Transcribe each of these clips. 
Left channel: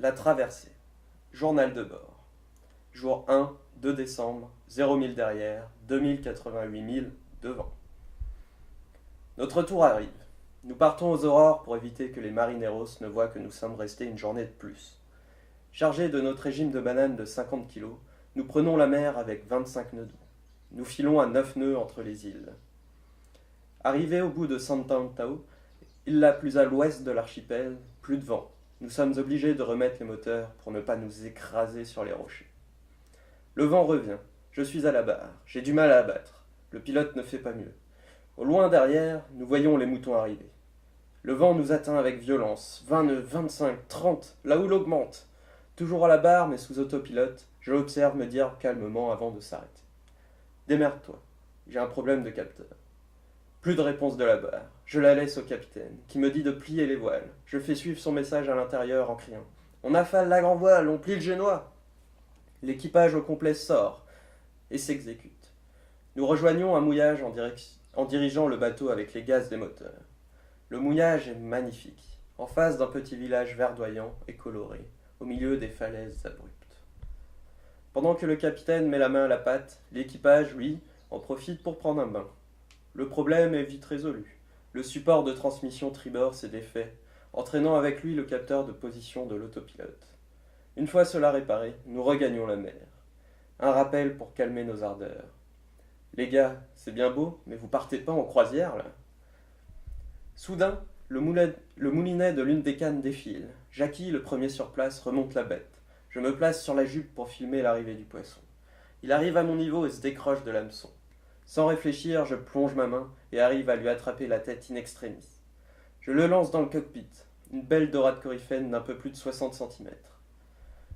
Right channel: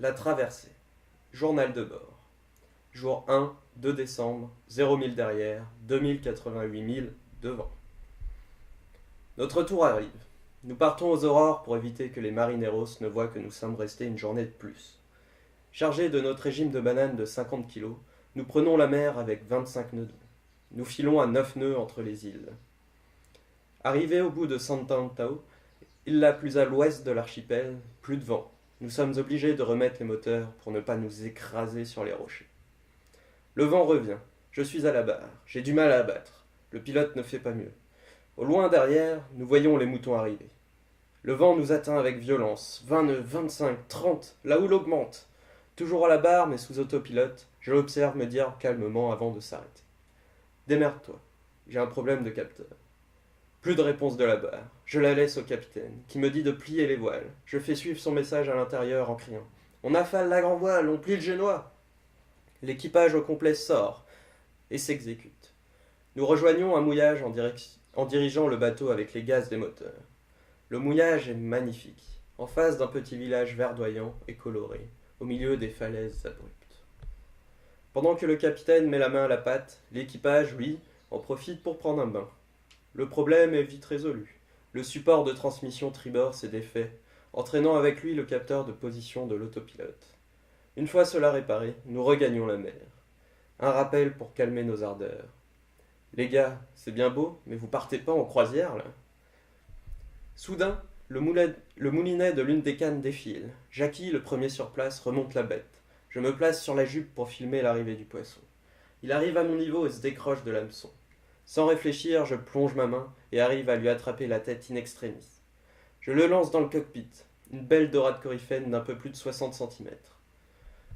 La traversée. Journal de bord. Jour 1, 2 décembre, 0 000 derrière, 2088 000 devant. Notre tour arrive. Nous partons aux aurores pour éviter que les marineros ne voient que nous sommes restés une journée de plus. Chargés de notre régime de bananes de 50 kilos, nous prenons la mer avec 25 nœuds. Nous filons à 9 nœuds entre les îles. Arrivés au bout de Sant'Antao, île la plus à l'ouest de l'archipel, plus de vent. Nous sommes obligés de remettre les moteurs pour ne pas nous écraser sur les rochers. Le vent revient. Je suis à la barre. J'ai du mal à abattre. Le pilote ne fait pas mieux. Au loin derrière, nous voyons les moutons arriver. Le vent nous atteint avec violence. 20 nœuds, 25, 30, la houle augmente. Toujours à la barre, mais sous autopilote, je l'observe me dire calmement avant de s'arrêter. Démerde-toi. J'ai un problème de capteur. Plus de réponse de la barre. Je la laisse au capitaine, qui me dit de plier les voiles. Je fais suivre son message à l'intérieur en criant. On affale la grand-voile, on plie le génois. L'équipage au complet sort et s'exécute. Nous rejoignons un mouillage en dirigeant le bateau avec les gaz des moteurs. Le mouillage est magnifique, en face d'un petit village verdoyant et coloré, au milieu des falaises abruptes. Pendant que le capitaine met la main à la pâte, l'équipage, lui, en profite pour prendre un bain. Le problème est vite résolu. Le support de transmission tribord s'est défait, entraînant avec lui le capteur de position de l'autopilote. Une fois cela réparé, nous regagnons la mer. Un rappel pour calmer nos ardeurs. Les gars, c'est bien beau, mais vous partez pas en croisière, là? Soudain, le moulinet de l'une des cannes défile. Jackie, le premier sur place, remonte la bête. Je me place sur la jupe pour filmer l'arrivée du poisson. Il arrive à mon niveau et se décroche de l'hameçon. Sans réfléchir, je plonge ma main et arrive à lui attraper la tête in extremis. Je le lance dans le cockpit, une belle dorade coryphène d'un peu plus de 60 centimètres.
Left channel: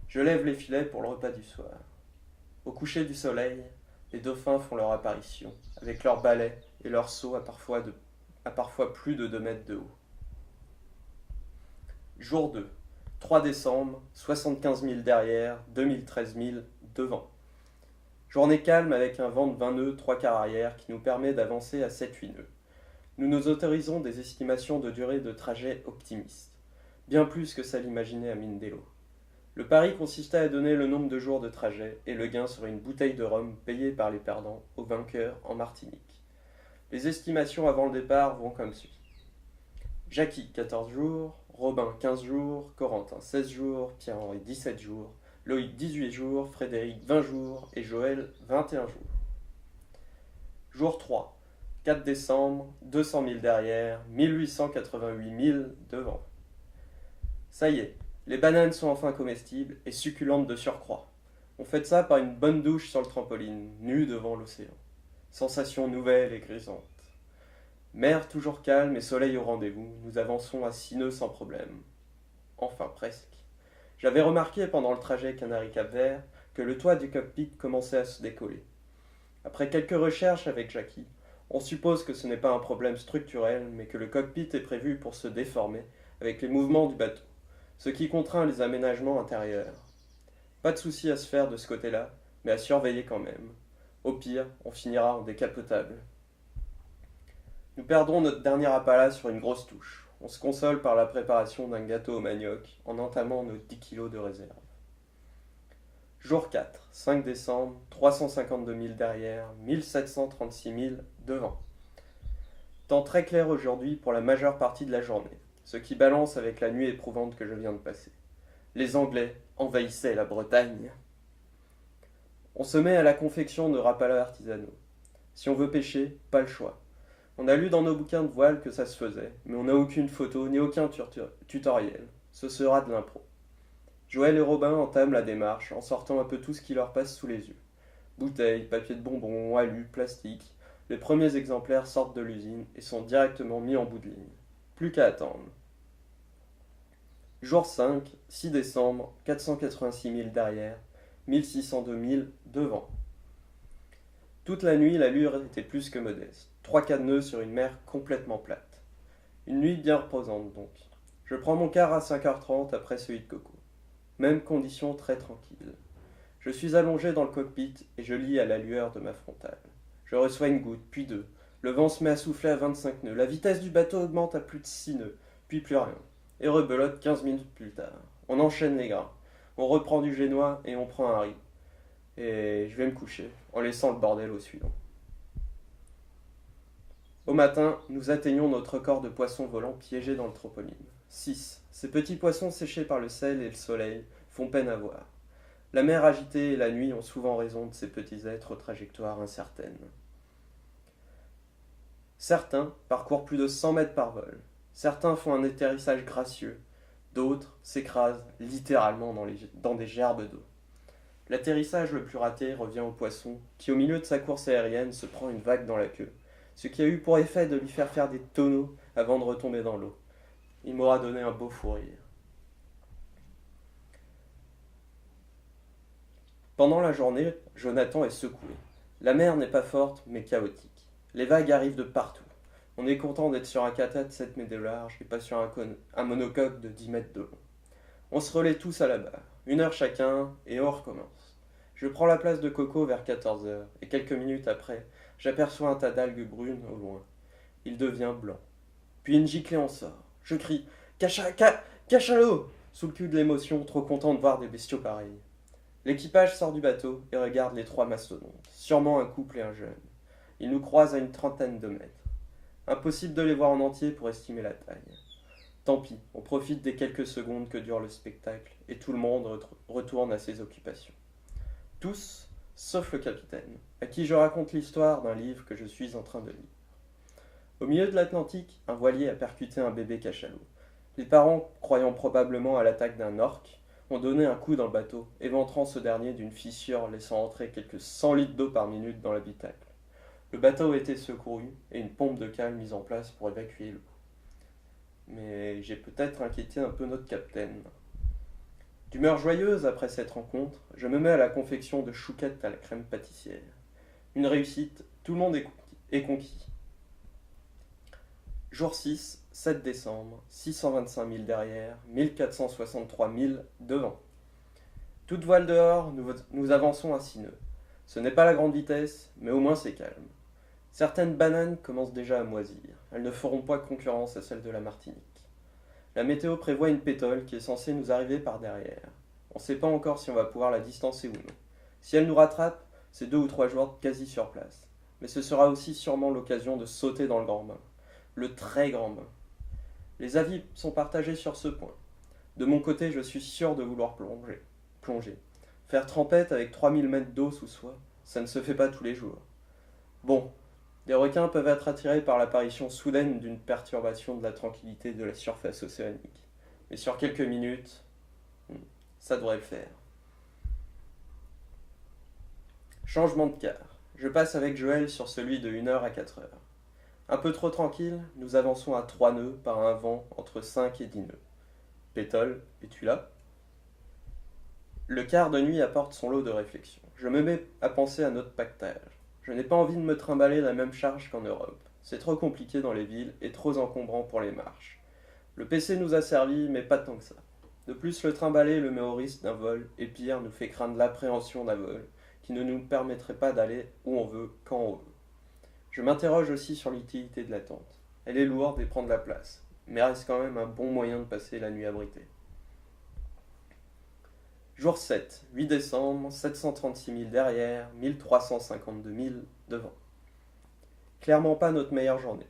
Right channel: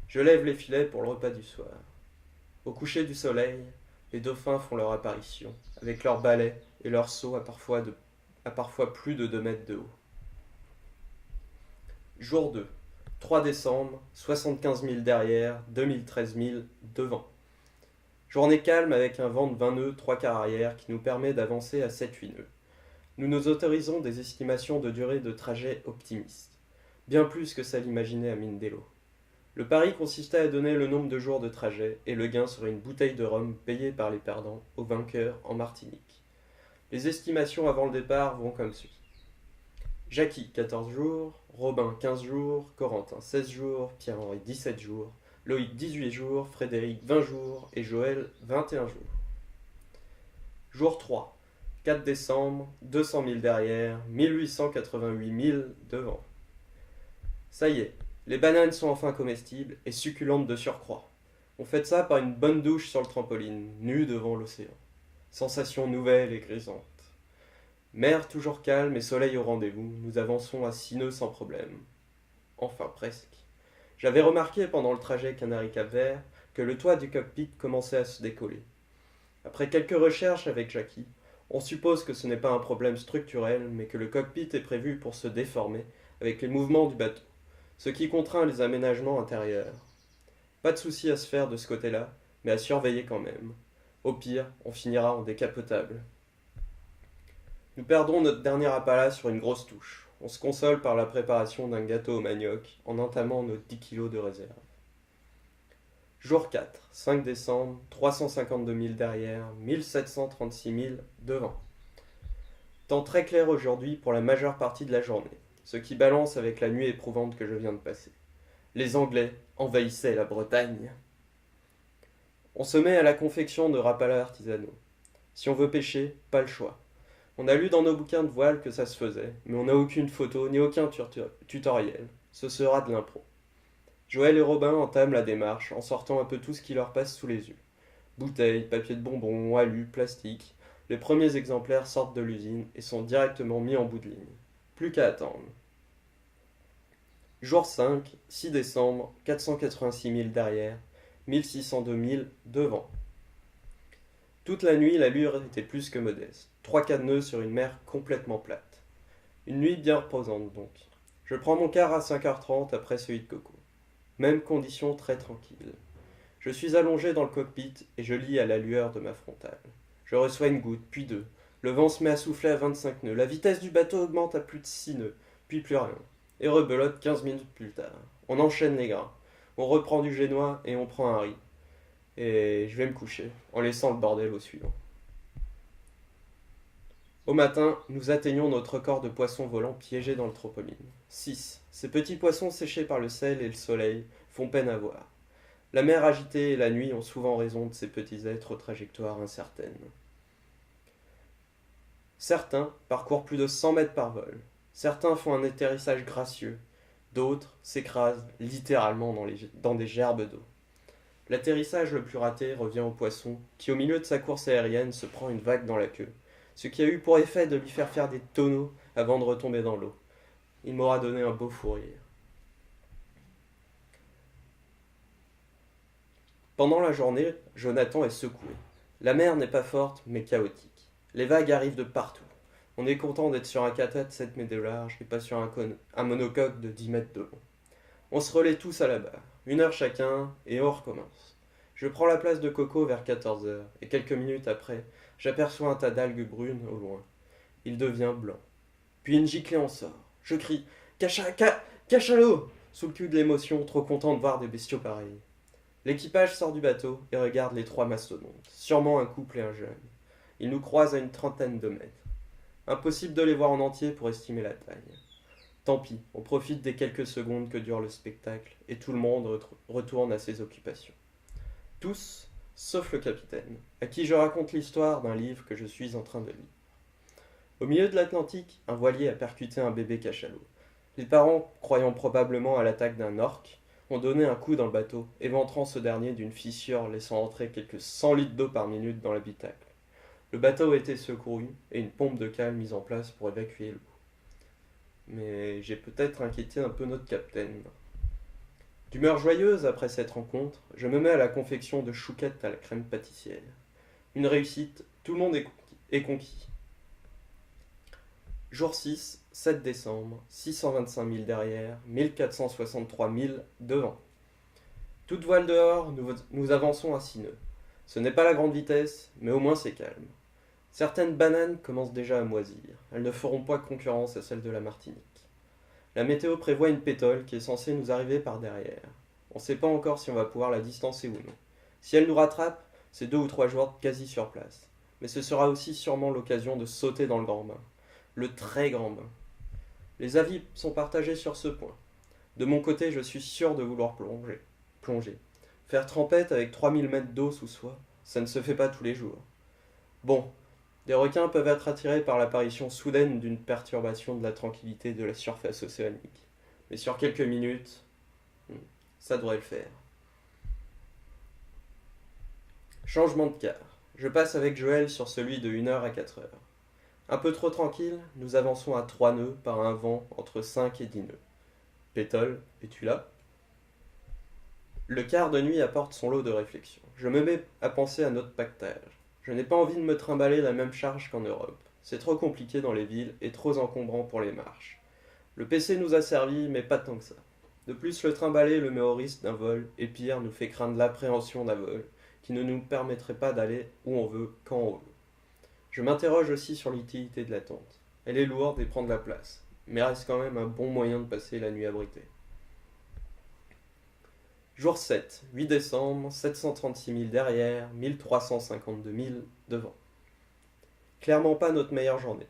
Je lève les filets pour le repas du soir. Au coucher du soleil, les dauphins font leur apparition, avec leurs balais et leurs seaux à parfois plus de 2 mètres de haut. Jour 2, 3 décembre, 75 000 derrière, 2013 000 devant. Journée calme avec un vent de 20 nœuds, 3 quarts arrière qui nous permet d'avancer à 7-8 nœuds. Nous nous autorisons des estimations de durée de trajet optimistes, bien plus que celles imaginées à Mindelo. Le pari consistait à donner le nombre de jours de trajet et le gain serait une bouteille de rhum payée par les perdants aux vainqueurs en Martinique. Les estimations avant le départ vont comme suit. Jackie, 14 jours, Robin, 15 jours, Corentin, 16 jours, Pierre-Henri, 17 jours, Loïc, 18 jours, Frédéric, 20 jours et Joël, 21 jours. Jour 3, 4 décembre, 200 000 derrière, 1888 000 devant. Ça y est, les bananes sont enfin comestibles et succulentes de surcroît. On fait ça par une bonne douche sur le trampoline, nu devant l'océan. Sensation nouvelle et grisante. Mer toujours calme et soleil au rendez-vous, nous avançons à 6 nœuds sans problème. Enfin presque. J'avais remarqué pendant le trajet Canaries-Cap-Vert que le toit du cockpit commençait à se décoller. Après quelques recherches avec Jackie, on suppose que ce n'est pas un problème structurel, mais que le cockpit est prévu pour se déformer avec les mouvements du bateau, ce qui contraint les aménagements intérieurs. Pas de souci à se faire de ce côté-là, mais à surveiller quand même. Au pire, on finira en décapotable. Nous perdrons notre dernier appala sur une grosse touche. On se console par la préparation d'un gâteau au manioc en entamant nos 10 kilos de réserve. Jour 4, 5 décembre, 352 000 derrière, 1736 000 devant. Temps très clair aujourd'hui pour la majeure partie de la journée, ce qui balance avec la nuit éprouvante que je viens de passer. Les Anglais envahissaient la Bretagne. On se met à la confection de rapalas artisanaux. Si on veut pêcher, pas le choix. On a lu dans nos bouquins de voile que ça se faisait, mais on n'a aucune photo ni aucun tutoriel. Ce sera de l'impro. Joël et Robin entament la démarche en sortant un peu tout ce qui leur passe sous les yeux. Bouteilles, papier de bonbons, alu, plastique. Les premiers exemplaires sortent de l'usine et sont directement mis en bout de ligne. Plus qu'à attendre. Jour 5, 6 décembre, 486 000 derrière, 1602 000 devant. Toute la nuit, l'allure était plus que modeste. 3-4 nœuds sur une mer complètement plate. Une nuit bien reposante donc. Je prends mon quart à 5h30 après celui de Coco. Même condition très tranquille. Je suis allongé dans le cockpit et je lis à la lueur de ma frontale. Je reçois une goutte, puis deux. Le vent se met à souffler à 25 nœuds. La vitesse du bateau augmente à plus de 6 nœuds, puis plus rien. Et rebelote 15 minutes plus tard. On enchaîne les grains. On reprend du génois et on prend un riz. Et je vais me coucher, en laissant le bordel au suivant. Au matin, nous atteignons notre corps de poissons volants piégés dans le tropoline. 6. Ces petits poissons séchés par le sel et le soleil font peine à voir. La mer agitée et la nuit ont souvent raison de ces petits êtres aux trajectoires incertaines. Certains parcourent plus de 100 mètres par vol. Certains font un atterrissage gracieux. D'autres s'écrasent littéralement dans des gerbes d'eau. L'atterrissage le plus raté revient au poisson qui, au milieu de sa course aérienne, se prend une vague dans la queue, ce qui a eu pour effet de lui faire des tonneaux avant de retomber dans l'eau. Il m'aura donné un beau fou rire. Pendant la journée, Jonathan est secoué. La mer n'est pas forte, mais chaotique. Les vagues arrivent de partout. On est content d'être sur un kata de 7 mètres de large et pas sur un monocoque de 10 mètres de long. On se relaie tous à la barre, 1 heure chacun, et on recommence. Je prends la place de Coco vers 14 heures, et quelques minutes après, j'aperçois un tas d'algues brunes au loin. Il devient blanc. Puis une giclée en sort. Je crie « Cachalot !» sous le cul de l'émotion, trop content de voir des bestiaux pareils. L'équipage sort du bateau et regarde les 3 mastodontes, sûrement un couple et un jeune. Ils nous croisent à une trentaine de mètres. Impossible de les voir en entier pour estimer la taille. Tant pis, on profite des quelques secondes que dure le spectacle et tout le monde retourne à ses occupations. Tous, sauf le capitaine, à qui je raconte l'histoire d'un livre que je suis en train de lire. Au milieu de l'Atlantique, un voilier a percuté un bébé cachalot. Les parents, croyant probablement à l'attaque d'un orque, ont donné un coup dans le bateau, éventrant ce dernier d'une fissure laissant entrer quelques 100 litres d'eau par minute dans l'habitacle. Le bateau a été secouru et une pompe de cale mise en place pour évacuer l'eau. Mais j'ai peut-être inquiété un peu notre capitaine. D'humeur joyeuse après cette rencontre, je me mets à la confection de chouquettes à la crème pâtissière. Une réussite, tout le monde est conquis. Jour 6, 7 décembre, 625 000 derrière, 1463 000 devant. Toute voile dehors, nous avançons à 6 nœuds. Ce n'est pas la grande vitesse, mais au moins c'est calme. Certaines bananes commencent déjà à moisir. Elles ne feront pas concurrence à celles de la Martinique. La météo prévoit une pétole qui est censée nous arriver par derrière. On ne sait pas encore si on va pouvoir la distancer ou non. Si elle nous rattrape, c'est 2 ou 3 jours quasi sur place. Mais ce sera aussi sûrement l'occasion de sauter dans le grand bain. Le très grand bain. Les avis sont partagés sur ce point. De mon côté, je suis sûr de vouloir plonger. Faire trempette avec 3000 mètres d'eau sous soi, ça ne se fait pas tous les jours. Bon, des requins peuvent être attirés par l'apparition soudaine d'une perturbation de la tranquillité de la surface océanique. Mais sur quelques minutes, ça devrait le faire. Changement de quart. Je passe avec Joël sur celui de 1 heure à 4 heures. Un peu trop tranquille, nous avançons à 3 nœuds par un vent entre 5 et 10 nœuds. Pétole, es-tu là ? Le quart de nuit apporte son lot de réflexion. Je me mets à penser à notre pactage. Je n'ai pas envie de me trimballer la même charge qu'en Europe. C'est trop compliqué dans les villes et trop encombrant pour les marches. Le PC nous a servi, mais pas tant que ça. De plus, le trimballer le met au risque d'un vol, et pire, nous fait craindre l'appréhension d'un vol, qui ne nous permettrait pas d'aller où on veut, quand on veut. Je m'interroge aussi sur l'utilité de la tente. Elle est lourde et prend de la place, mais reste quand même un bon moyen de passer la nuit abritée. Jour 7, 8 décembre, 736 000 derrière, 1352 000 devant. Clairement pas notre meilleure journée.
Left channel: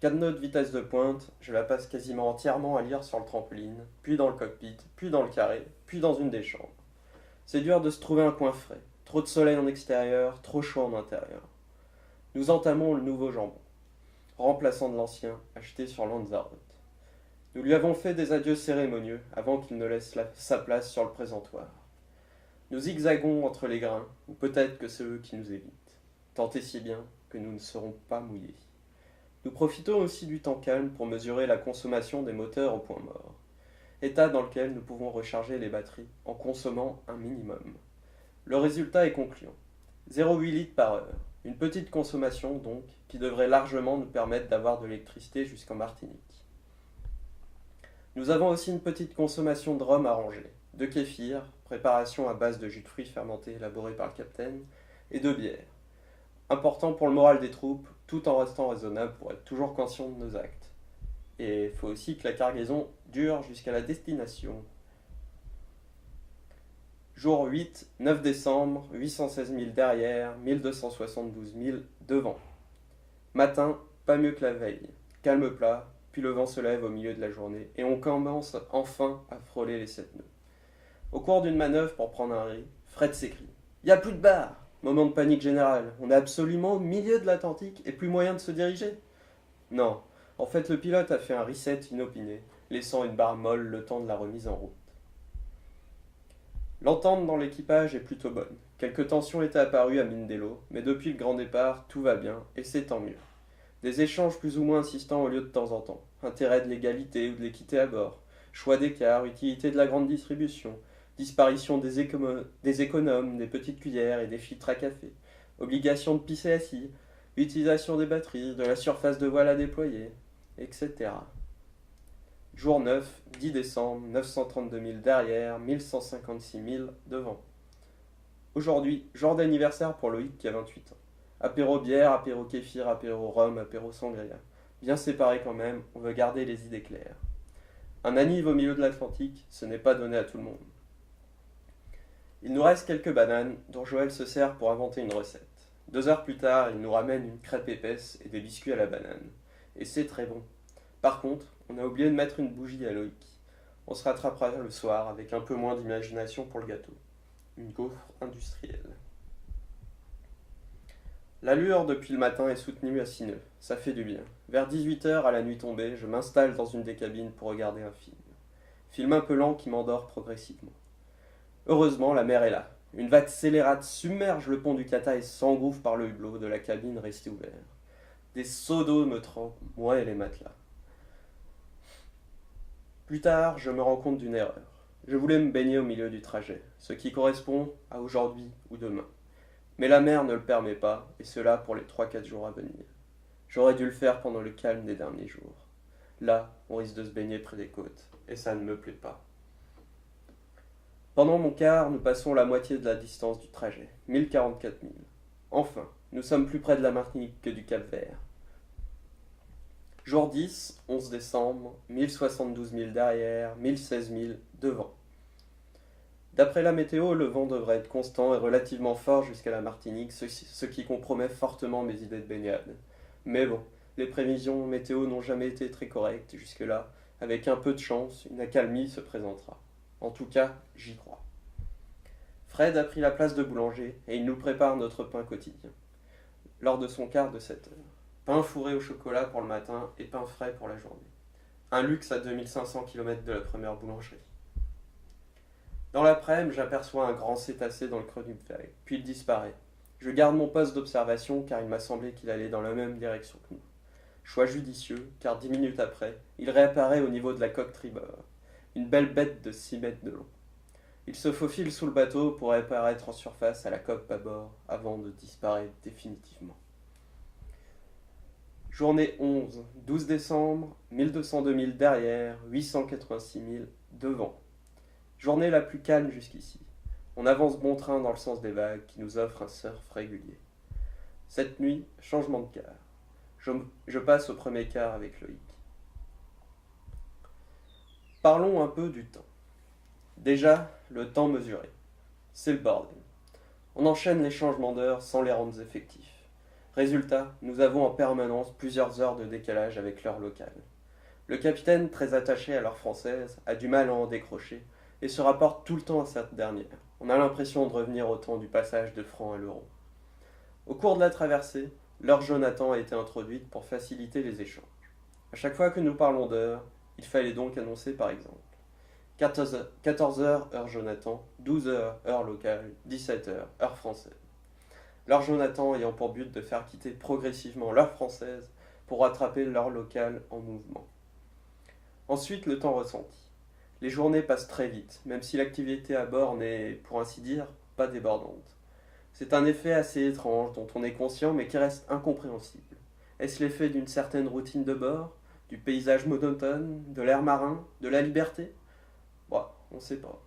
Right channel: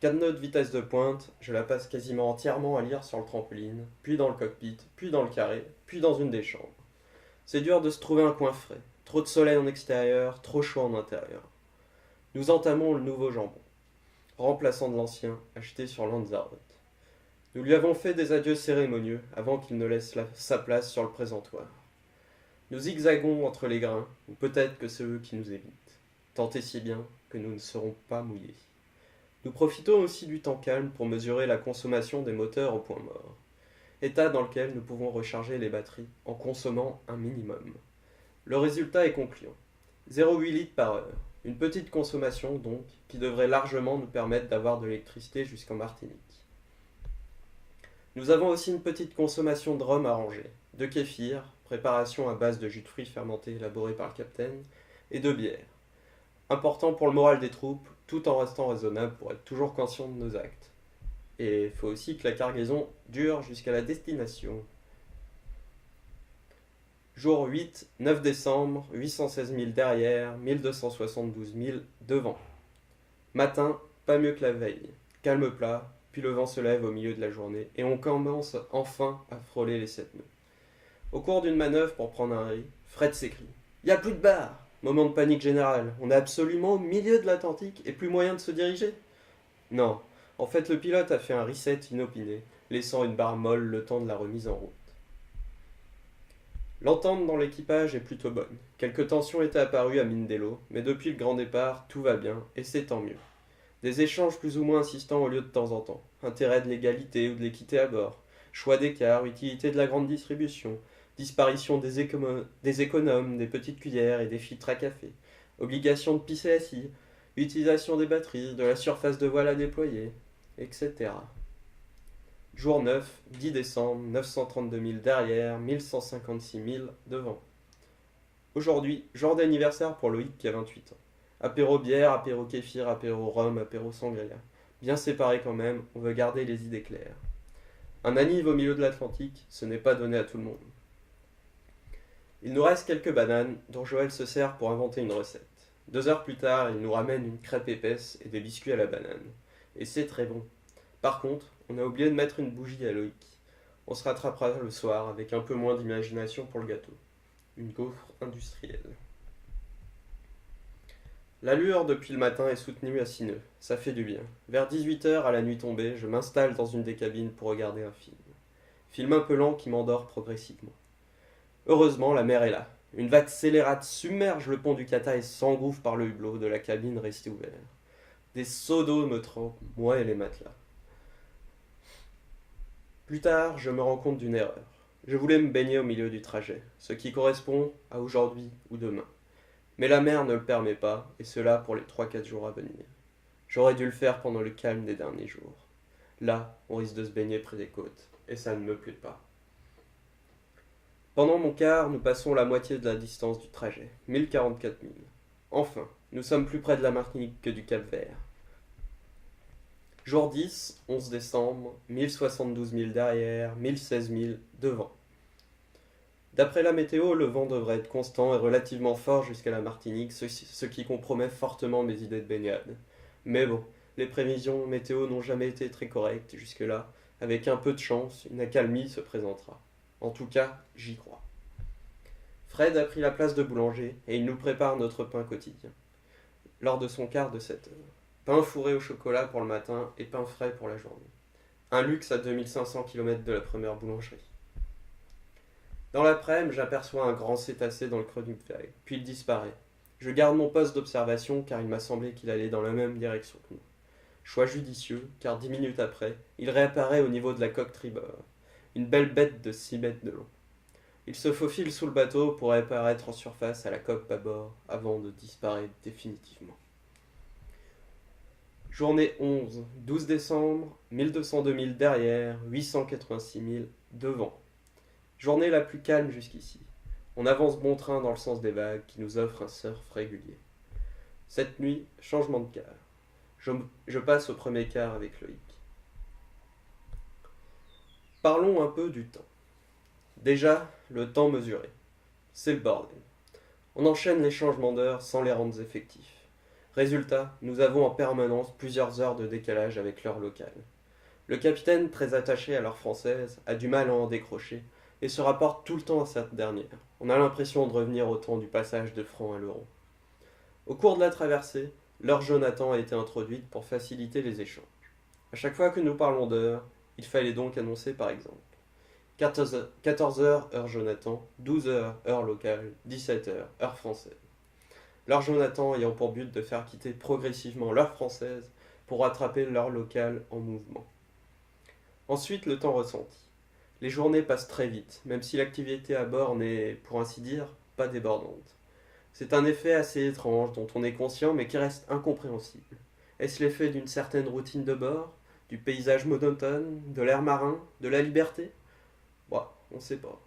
4 nœuds de vitesse de pointe, je la passe quasiment entièrement à lire sur le trampoline, puis dans le cockpit, puis dans le carré, puis dans une des chambres. C'est dur de se trouver un coin frais. Trop de soleil en extérieur, trop chaud en intérieur. Nous entamons le nouveau jambon, remplaçant de l'ancien, acheté sur Lanzarote. Nous lui avons fait des adieux cérémonieux avant qu'il ne laisse sa place sur le présentoir. Nous zigzagons entre les grains, ou peut-être que c'est eux qui nous évitent, tant et si bien que nous ne serons pas mouillés. Nous profitons aussi du temps calme pour mesurer la consommation des moteurs au point mort, état dans lequel nous pouvons recharger les batteries en consommant un minimum. Le résultat est concluant. 0,8 litres par heure, une petite consommation donc, qui devrait largement nous permettre d'avoir de l'électricité jusqu'en Martinique. Nous avons aussi une petite consommation de rhum arrangé, de kéfir, préparation à base de jus de fruits fermentés élaboré par le capitaine, et de bière. Important pour le moral des troupes, tout en restant raisonnable pour être toujours conscient de nos actes. Et il faut aussi que la cargaison dure jusqu'à la destination. Jour 8, 9 décembre, 816 000 derrière, 1272 000 devant. Matin, pas mieux que la veille. Calme plat, puis le vent se lève au milieu de la journée et on commence enfin à frôler les 7 nœuds. Au cours d'une manœuvre pour prendre un riz, Fred s'écrie: "Y a plus de barre!" Moment de panique générale. On est absolument au milieu de l'Atlantique et plus moyen de se diriger. Non, en fait le pilote a fait un reset inopiné, laissant une barre molle le temps de la remise en route. L'entente dans l'équipage est plutôt bonne. Quelques tensions étaient apparues à Mindelo, mais depuis le grand départ, tout va bien, et c'est tant mieux. Des échanges plus ou moins insistants ont lieu de temps en temps. Intérêt de l'égalité ou de l'équité à bord, choix d'écart, utilité de la grande distribution, disparition des économes, des petites cuillères et des filtres à café, obligation de pisser assis, utilisation des batteries, de la surface de voile à déployer, etc. Jour 9, 10 décembre, 932 000 derrière, 1156 000 devant. Aujourd'hui, jour d'anniversaire pour Loïc qui a 28 ans. Apéro bière, apéro kéfir, apéro rhum, apéro sangria. Bien séparés quand même, on veut garder les idées claires. Un anniv au milieu de l'Atlantique, ce n'est pas donné à tout le monde. Il nous reste quelques bananes dont Joël se sert pour inventer une recette. 2 heures plus tard, il nous ramène une crêpe épaisse et des biscuits à la banane. Et c'est très bon. Par contre, on a oublié de mettre une bougie à Loïc. On se rattrapera le soir avec un peu moins d'imagination pour le gâteau. Une gaufre industrielle. L'allure depuis le matin est soutenue à 6 nœuds. Ça fait du bien. Vers 18 h à la nuit tombée, je m'installe dans une des cabines pour regarder un film. Film un peu lent qui m'endort progressivement. Heureusement, la mer est là. Une vague scélérate submerge le pont du Cata et s'engouffre par le hublot de la cabine restée ouvert. Des seaux d'eau me trempent, moi et les matelas. Plus tard, je me rends compte d'une erreur. Je voulais me baigner au milieu du trajet, ce qui correspond à aujourd'hui ou demain. Mais la mer ne le permet pas, et cela pour les 3-4 jours à venir. J'aurais dû le faire pendant le calme des derniers jours. Là, on risque de se baigner près des côtes, et ça ne me plaît pas. Pendant mon quart, nous passons la moitié de la distance du trajet, 1044 000. Enfin, nous sommes plus près de la Martinique que du Cap-Vert. Jour 10, 11 décembre, 1072 000 derrière, 1016 000 devant. D'après la météo, le vent devrait être constant et relativement fort jusqu'à la Martinique, ce qui compromet fortement mes idées de baignade. Mais bon, les prévisions météo n'ont jamais été très correctes jusque-là. Avec un peu de chance, une accalmie se présentera. En tout cas, j'y crois. Fred a pris la place de boulanger et il nous prépare notre pain quotidien. Lors de son quart de 7 heures. Pain fourré au chocolat pour le matin et pain frais pour la journée. Un luxe à 2500 km de la première boulangerie. Dans l'après-midi, j'aperçois un grand cétacé dans le creux d'une feuille, puis il disparaît. Je garde mon poste d'observation car il m'a semblé qu'il allait dans la même direction que nous. Choix judicieux, car 10 minutes après, il réapparaît au niveau de la coque tribord. Une belle bête de 6 mètres de long. Il se faufile sous le bateau pour réapparaître en surface à la coque bâbord avant de disparaître définitivement. Journée 11, 12 décembre, 1202 000 derrière, 886 000 devant. Journée la plus calme jusqu'ici. On avance bon train dans le sens des vagues qui nous offrent un surf régulier. Cette nuit, changement de quart. Je passe au premier quart avec Loïc. Parlons un peu du temps. Déjà, le temps mesuré. C'est le bordel. On enchaîne les changements d'heure sans les rendre effectifs. Résultat, nous avons en permanence plusieurs heures de décalage avec l'heure locale. Le capitaine, très attaché à l'heure française, a du mal à en décrocher et se rapporte tout le temps à cette dernière. On a l'impression de revenir au temps du passage de francs à l'euro. Au cours de la traversée, l'heure Jonathan a été introduite pour faciliter les échanges. À chaque fois que nous parlons d'heure, il fallait donc annoncer par exemple 14 heures, heure Jonathan, 12 heures, heure locale, 17 heures, heure française. L'heure Jonathan ayant pour but de faire quitter progressivement l'heure française pour rattraper l'heure locale en mouvement. Ensuite, le temps ressenti. Les journées passent très vite, même si l'activité à bord n'est, pour ainsi dire, pas débordante. C'est un effet assez étrange dont on est conscient mais qui reste incompréhensible. Est-ce l'effet d'une certaine routine de bord, du paysage monotone, de l'air marin, de la liberté ? Bon, on ne sait pas.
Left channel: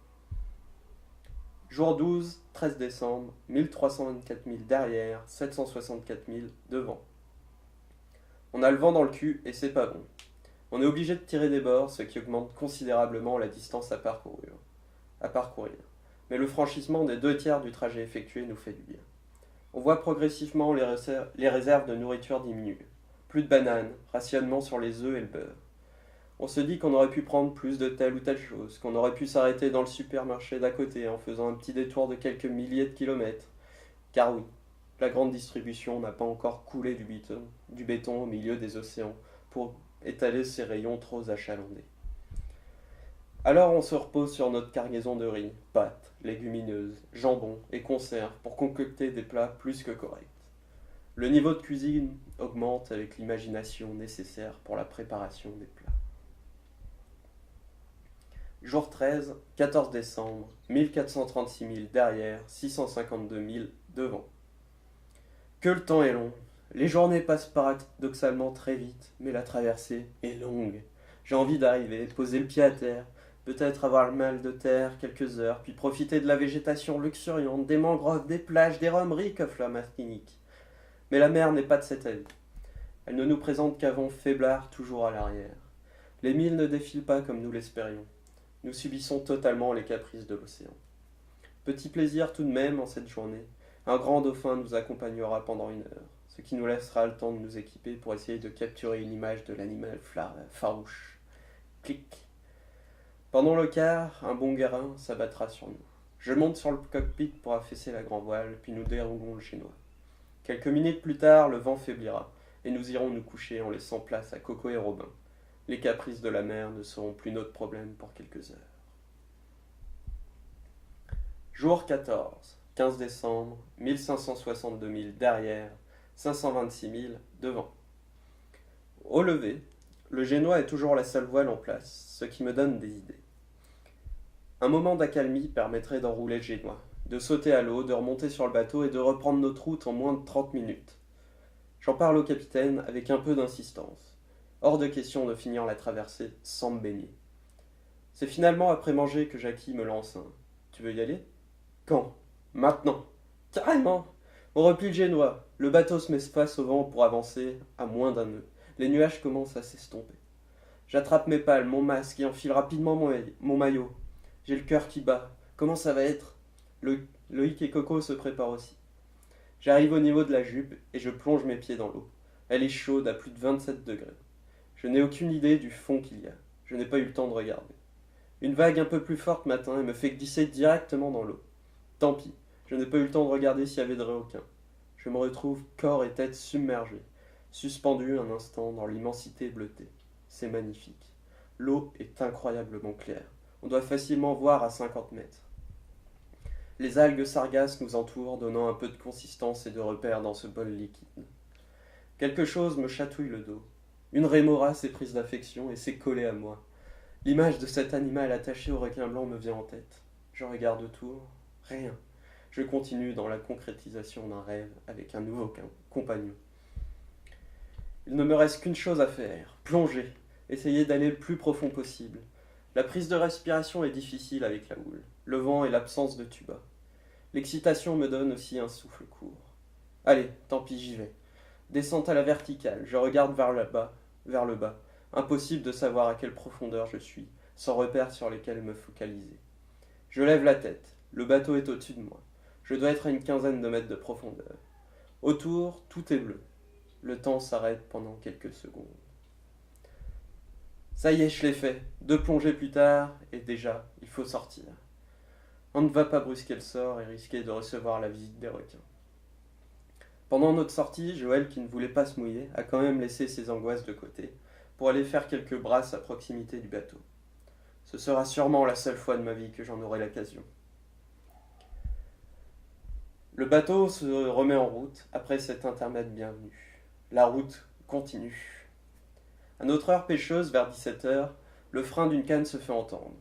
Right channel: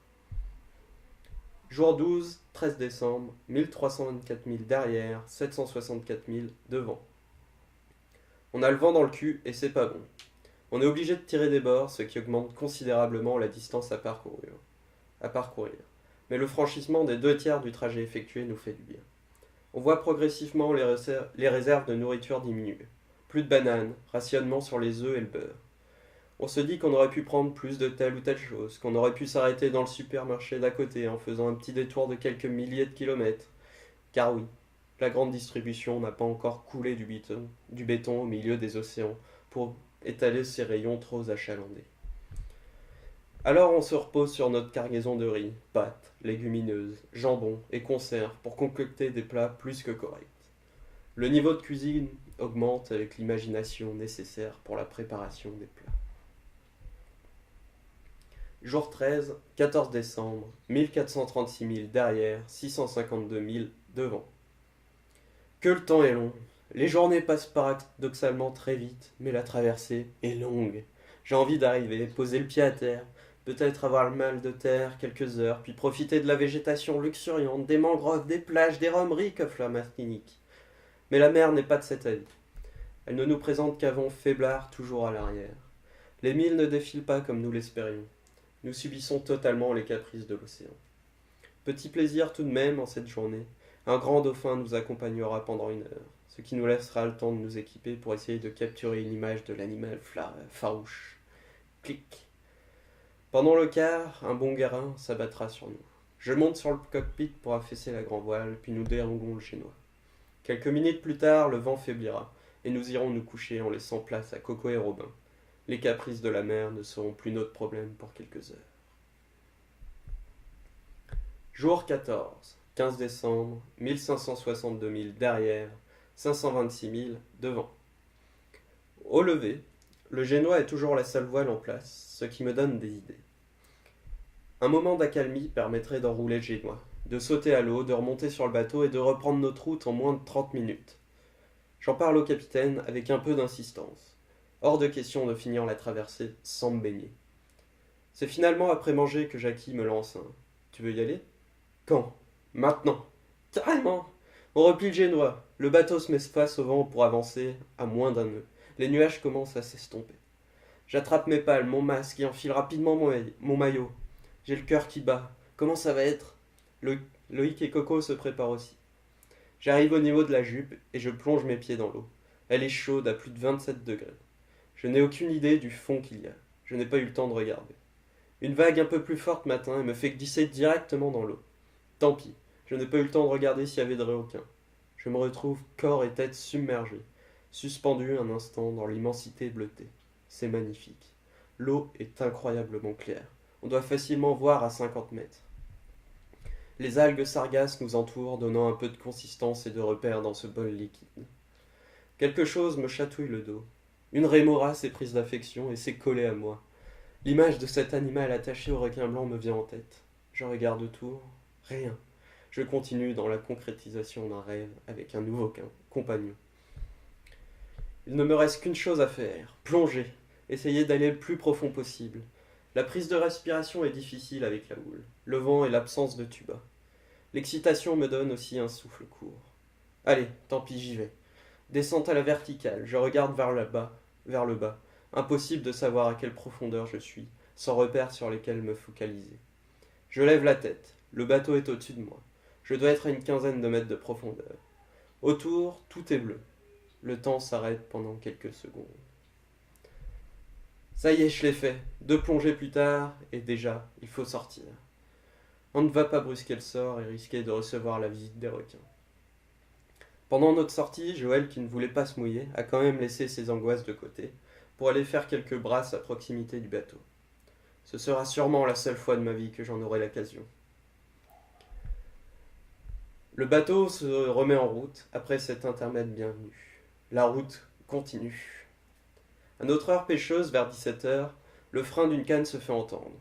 Jour 12, 13 décembre, 1324 000 derrière, 764 000 devant. On a le vent dans le cul et c'est pas bon. On est obligé de tirer des bords, ce qui augmente considérablement la distance à parcourir. mais le franchissement des 2 tiers du trajet effectué nous fait du bien. On voit progressivement les réserves de nourriture diminuer. Plus de bananes, rationnement sur les œufs et le beurre. On se dit qu'on aurait pu prendre plus de telle ou telle chose, qu'on aurait pu s'arrêter dans le supermarché d'à côté en faisant un petit détour de quelques milliers de kilomètres. Car oui, la grande distribution n'a pas encore coulé du béton au milieu des océans pour étaler ses rayons trop achalandés. Alors on se repose sur notre cargaison de riz, pâtes, légumineuses, jambon et conserves pour concocter des plats plus que corrects. Le niveau de cuisine augmente avec l'imagination nécessaire pour la préparation des plats. Jour 13, 14 décembre, 1436 milles derrière, 652 milles devant. Que le temps est long. Les journées passent paradoxalement très vite, mais la traversée est longue. J'ai envie d'arriver, poser le pied à terre, peut-être avoir le mal de terre quelques heures, puis profiter de la végétation luxuriante, des mangroves, des plages, des romeries qu'offre la Martinique. Mais la mer n'est pas de cet avis. Elle ne nous présente qu'un vent faiblard toujours à l'arrière. Les milles ne défilent pas comme nous l'espérions. Nous subissons totalement les caprices de l'océan. Petit plaisir tout de même en cette journée. Un grand dauphin nous accompagnera pendant 1 heure, ce qui nous laissera le temps de nous équiper pour essayer de capturer une image de l'animal farouche. Clic. Pendant le quart, un bon guérin s'abattra sur nous. Je monte sur le cockpit pour affaisser la grand voile, puis nous déroulons le génois. Quelques minutes plus tard, le vent faiblira, et nous irons nous coucher en laissant place à Coco et Robin. Les caprices de la mer ne seront plus notre problème pour quelques heures. Jour 14, 15 décembre, 1562 milles derrière, 526 milles devant. Au lever, le génois est toujours la seule voile en place, ce qui me donne des idées. Un moment d'accalmie permettrait d'enrouler le génois, de sauter à l'eau, de remonter sur le bateau et de reprendre notre route en moins de 30 minutes. J'en parle au capitaine avec un peu d'insistance. Hors de question de finir la traversée sans me baigner. C'est finalement après manger que Jackie me lance un « Tu veux y aller ?» Quand ? Maintenant. Carrément. On replie le génois. Le bateau se met face au vent pour avancer à moins d'1 nœud. Les nuages commencent à s'estomper. J'attrape mes pales, mon masque et enfile rapidement mon maillot. J'ai le cœur qui bat. Comment ça va être ? Loïc et Coco se préparent aussi. J'arrive au niveau de la jupe et je plonge mes pieds dans l'eau. Elle est chaude à plus de 27 degrés. Je n'ai aucune idée du fond qu'il y a. Je n'ai pas eu le temps de regarder. Une vague un peu plus forte m'atteint et me fait glisser directement dans l'eau. Tant pis, je n'ai pas eu le temps de regarder s'il y avait de requins. Je me retrouve corps et tête submergés, suspendu un instant dans l'immensité bleutée. C'est magnifique. L'eau est incroyablement claire. On doit facilement voir à 50 mètres. Les algues sargasses nous entourent, donnant un peu de consistance et de repère dans ce bol liquide. Quelque chose me chatouille le dos. Une rémora s'est prise d'affection et s'est collée à moi. L'image de cet animal attaché au requin blanc me vient en tête. Je regarde autour. Rien. Je continue dans la concrétisation d'un rêve avec un nouveau compagnon. Il ne me reste qu'une chose à faire, plonger, essayer d'aller le plus profond possible. La prise de respiration est difficile avec la houle, le vent et l'absence de tuba. L'excitation me donne aussi un souffle court. Allez, tant pis, j'y vais. Descente à la verticale, je regarde vers le bas. Impossible de savoir à quelle profondeur je suis, sans repères sur lesquels me focaliser. Je lève la tête. Le bateau est au-dessus de moi. Je dois être à une quinzaine de mètres de profondeur. Autour, tout est bleu. Le temps s'arrête pendant quelques secondes. Ça y est, je l'ai fait. 2 plongées plus tard, et déjà, il faut sortir. On ne va pas brusquer le sort et risquer de recevoir la visite des requins. Pendant notre sortie, Joël, qui ne voulait pas se mouiller, a quand même laissé ses angoisses de côté pour aller faire quelques brasses à proximité du bateau. Ce sera sûrement la seule fois de ma vie que j'en aurai l'occasion. Le bateau se remet en route après cet intermède bienvenu. La route continue. À notre heure pêcheuse, vers 17h, le frein d'une canne se fait entendre.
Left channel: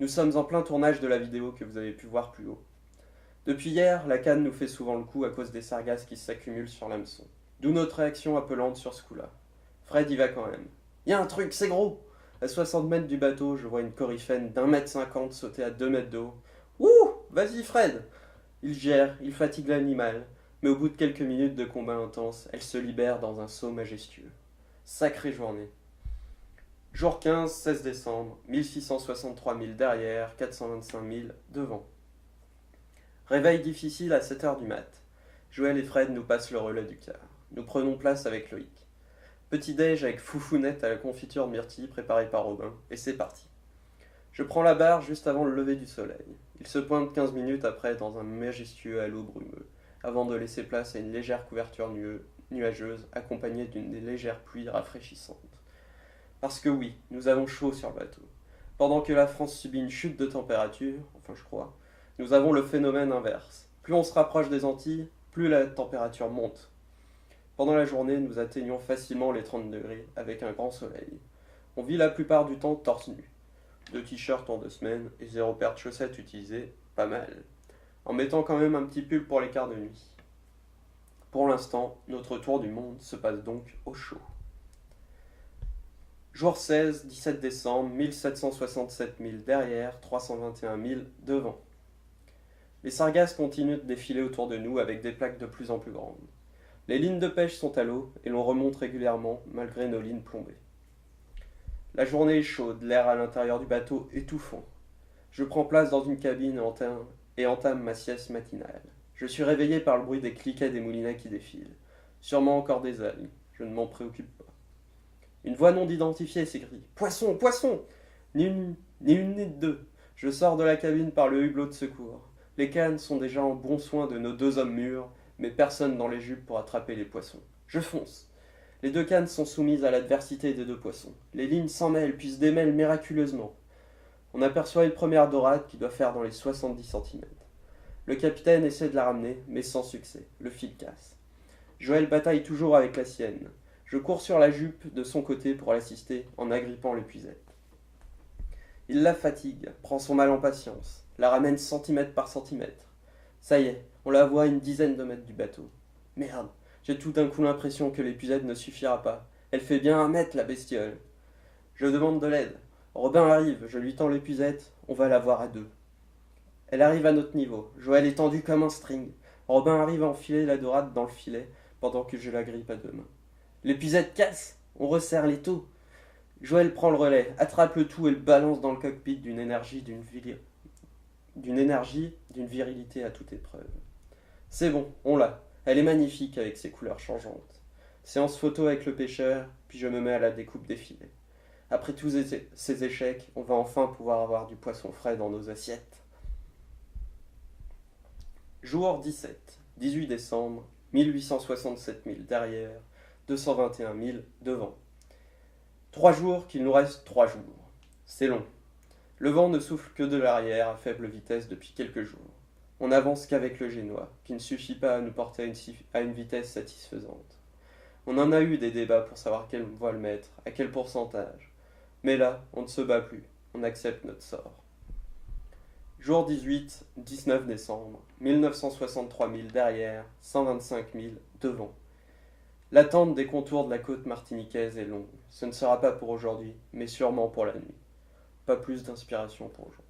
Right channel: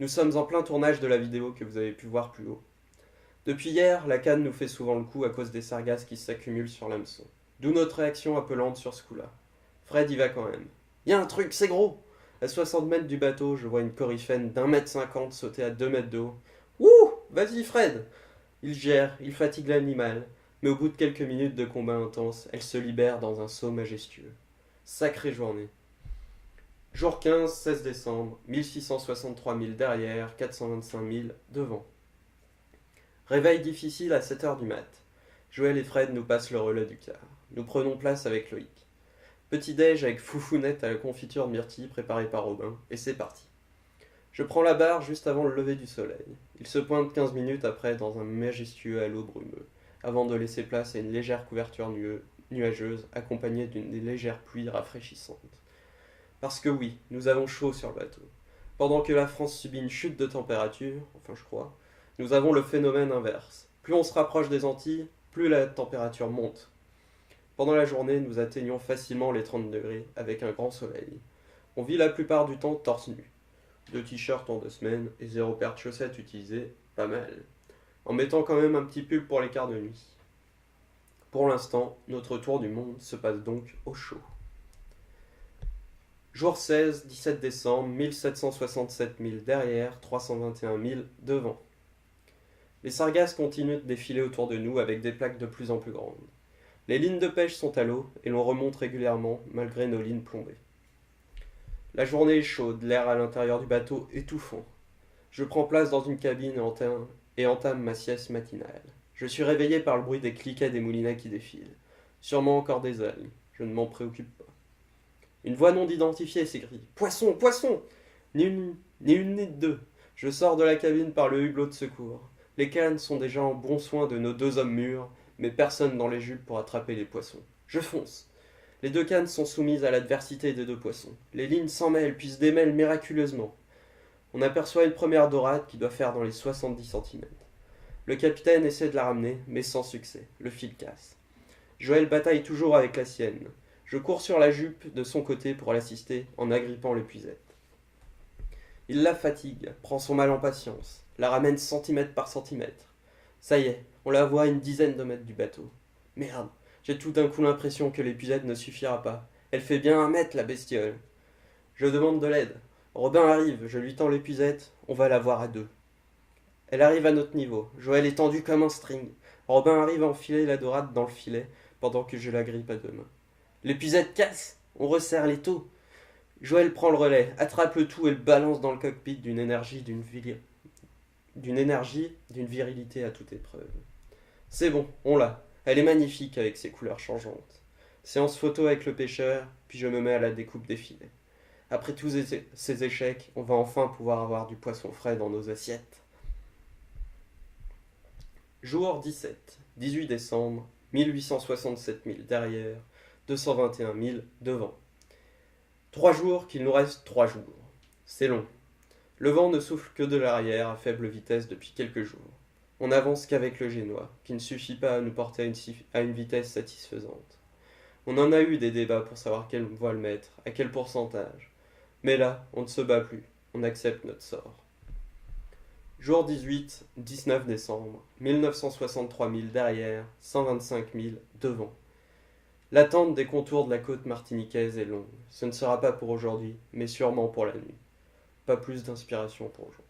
Nous sommes en plein tournage de la vidéo que vous avez pu voir plus haut. Depuis hier, la canne nous fait souvent le coup à cause des sargasses qui s'accumulent sur l'hameçon. D'où notre réaction appelante sur ce coup-là. Fred y va quand même. Y a un truc, c'est gros! À 60 mètres du bateau, je vois une coryphène d'1,50 m sauter à 2 mètres d'eau. Ouh! Vas-y Fred! Il gère, il fatigue l'animal, mais au bout de quelques minutes de combat intense, elle se libère dans un saut majestueux. Sacrée journée. Jour 15, 16 décembre, 1663 milles derrière, 425 milles devant. Réveil difficile à 7 heures du mat. Joël et Fred nous passent le relais du quart. Nous prenons place avec Loïc. Petit-déj avec foufounette à la confiture de myrtille préparée par Robin, et c'est parti. Je prends la barre juste avant le lever du soleil. Il se pointe 15 minutes après dans un majestueux halo brumeux, avant de laisser place à une légère couverture nuageuse accompagnée d'une légère pluie rafraîchissante. Parce que oui, nous avons chaud sur le bateau. Pendant que la France subit une chute de température, enfin je crois, nous avons le phénomène inverse. Plus on se rapproche des Antilles, plus la température monte. Pendant la journée, nous atteignons facilement les 30 degrés avec un grand soleil. On vit la plupart du temps torse nu. 2 t-shirts en 2 semaines et 0 paire de chaussettes utilisées, pas mal. En mettant quand même un petit pull pour les quarts de nuit. Pour l'instant, notre tour du monde se passe donc au chaud. Jour 16, 17 décembre, 1767 milles derrière, 321 milles devant. Les sargasses continuent de défiler autour de nous avec des plaques de plus en plus grandes. Les lignes de pêche sont à l'eau et l'on remonte régulièrement malgré nos lignes plombées. La journée est chaude, l'air à l'intérieur du bateau étouffant. Je prends place dans une cabine et entame ma sieste matinale. Je suis réveillé par le bruit des cliquets des moulinets qui défilent. Sûrement encore des algues, je ne m'en préoccupe pas. Une voix non identifiée s'écrie « Poisson, poisson !» Ni une ni deux. Je sors de la cabine par le hublot de secours. Les cannes sont déjà en bon soin de nos 2 hommes mûrs, mais personne dans les jupes pour attraper les poissons. Je fonce. Les 2 cannes sont soumises à l'adversité des 2 poissons. Les lignes s'en mêlent puis se démêlent miraculeusement. On aperçoit une première dorade qui doit faire dans les 70 cm. Le capitaine essaie de la ramener, mais sans succès. Le fil casse. Joël bataille toujours avec la sienne. Je cours sur la jupe de son côté pour l'assister en agrippant l'épuisette. Il la fatigue, prend son mal en patience, la ramène centimètre par centimètre. Ça y est, on la voit à une dizaine de mètres du bateau. Merde, j'ai tout d'un coup l'impression que l'épuisette ne suffira pas. Elle fait bien 1 mètre, la bestiole. Je demande de l'aide. Robin arrive, je lui tends l'épuisette, on va la voir à 2. Elle arrive à notre niveau. Joël est tendu comme un string. Robin arrive à enfiler la dorade dans le filet pendant que je la grippe à 2 mains. L'épuisette casse, on resserre les taux. Joël prend le relais, attrape le tout et le balance dans le cockpit d'une virilité à toute épreuve. C'est bon, on l'a. Elle est magnifique avec ses couleurs changeantes. Séance photo avec le pêcheur, puis je me mets à la découpe des filets. Après tous ces échecs, on va enfin pouvoir avoir du poisson frais dans nos assiettes. Jour 17, 18 décembre, 1867 milles derrière, 221 milles devant. 3 jours qu'il nous reste 3 jours. C'est long. Le vent ne souffle que de l'arrière à faible vitesse depuis quelques jours. On n'avance qu'avec le génois, qui ne suffit pas à nous porter à une vitesse satisfaisante. On en a eu des débats pour savoir quelle voile mettre, à quel pourcentage. Mais là, on ne se bat plus, on accepte notre sort. Jour 18, 19 décembre, 1963 milles derrière, 125 milles devant. L'attente des contours de la côte martiniquaise est longue. Ce ne sera pas pour aujourd'hui, mais sûrement pour la nuit. Pas plus d'inspiration pour aujourd'hui.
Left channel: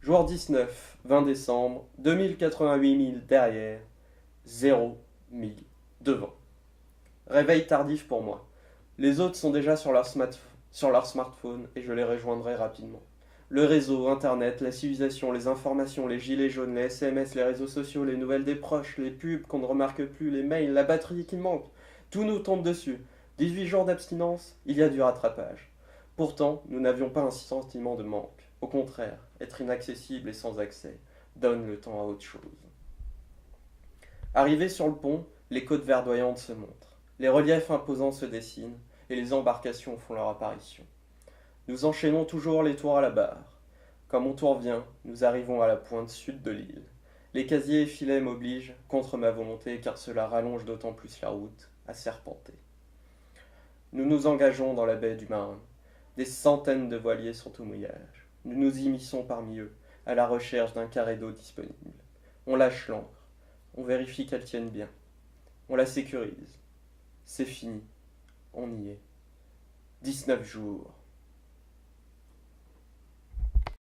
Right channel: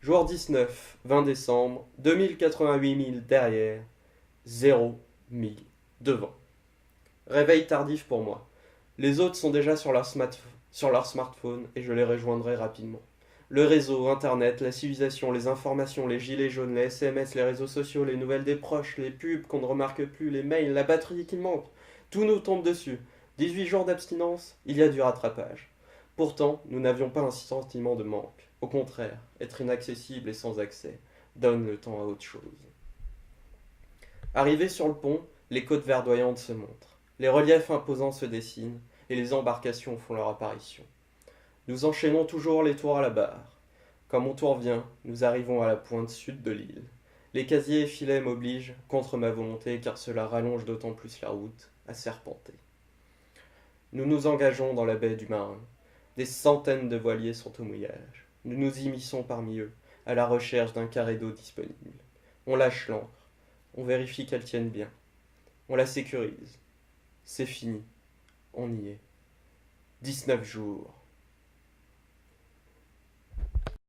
Jour 19, 20 décembre, 2088 milles derrière, 0 milles devant. Réveil tardif pour moi. Les autres sont déjà sur leur smartphone et je les rejoindrai rapidement. Le réseau, Internet, la civilisation, les informations, les gilets jaunes, les SMS, les réseaux sociaux, les nouvelles des proches, les pubs qu'on ne remarque plus, les mails, la batterie qui manque, tout nous tombe dessus. 18 jours d'abstinence, il y a du rattrapage. Pourtant, nous n'avions pas un sentiment de manque. Au contraire, être inaccessible et sans accès donne le temps à autre chose. Arrivés sur le pont, les côtes verdoyantes se montrent. Les reliefs imposants se dessinent et les embarcations font leur apparition. Nous enchaînons toujours les tours à la barre. Quand mon tour vient, nous arrivons à la pointe sud de l'île. Les casiers et filets m'obligent, contre ma volonté, car cela rallonge d'autant plus la route, à serpenter. Nous nous engageons dans la baie du Marin. Des centaines de voiliers sont au mouillage. Nous nous immisçons parmi eux, à la recherche d'un carré d'eau disponible. On lâche l'ancre. On vérifie qu'elle tienne bien. On la sécurise. C'est fini. On y est. 19 jours.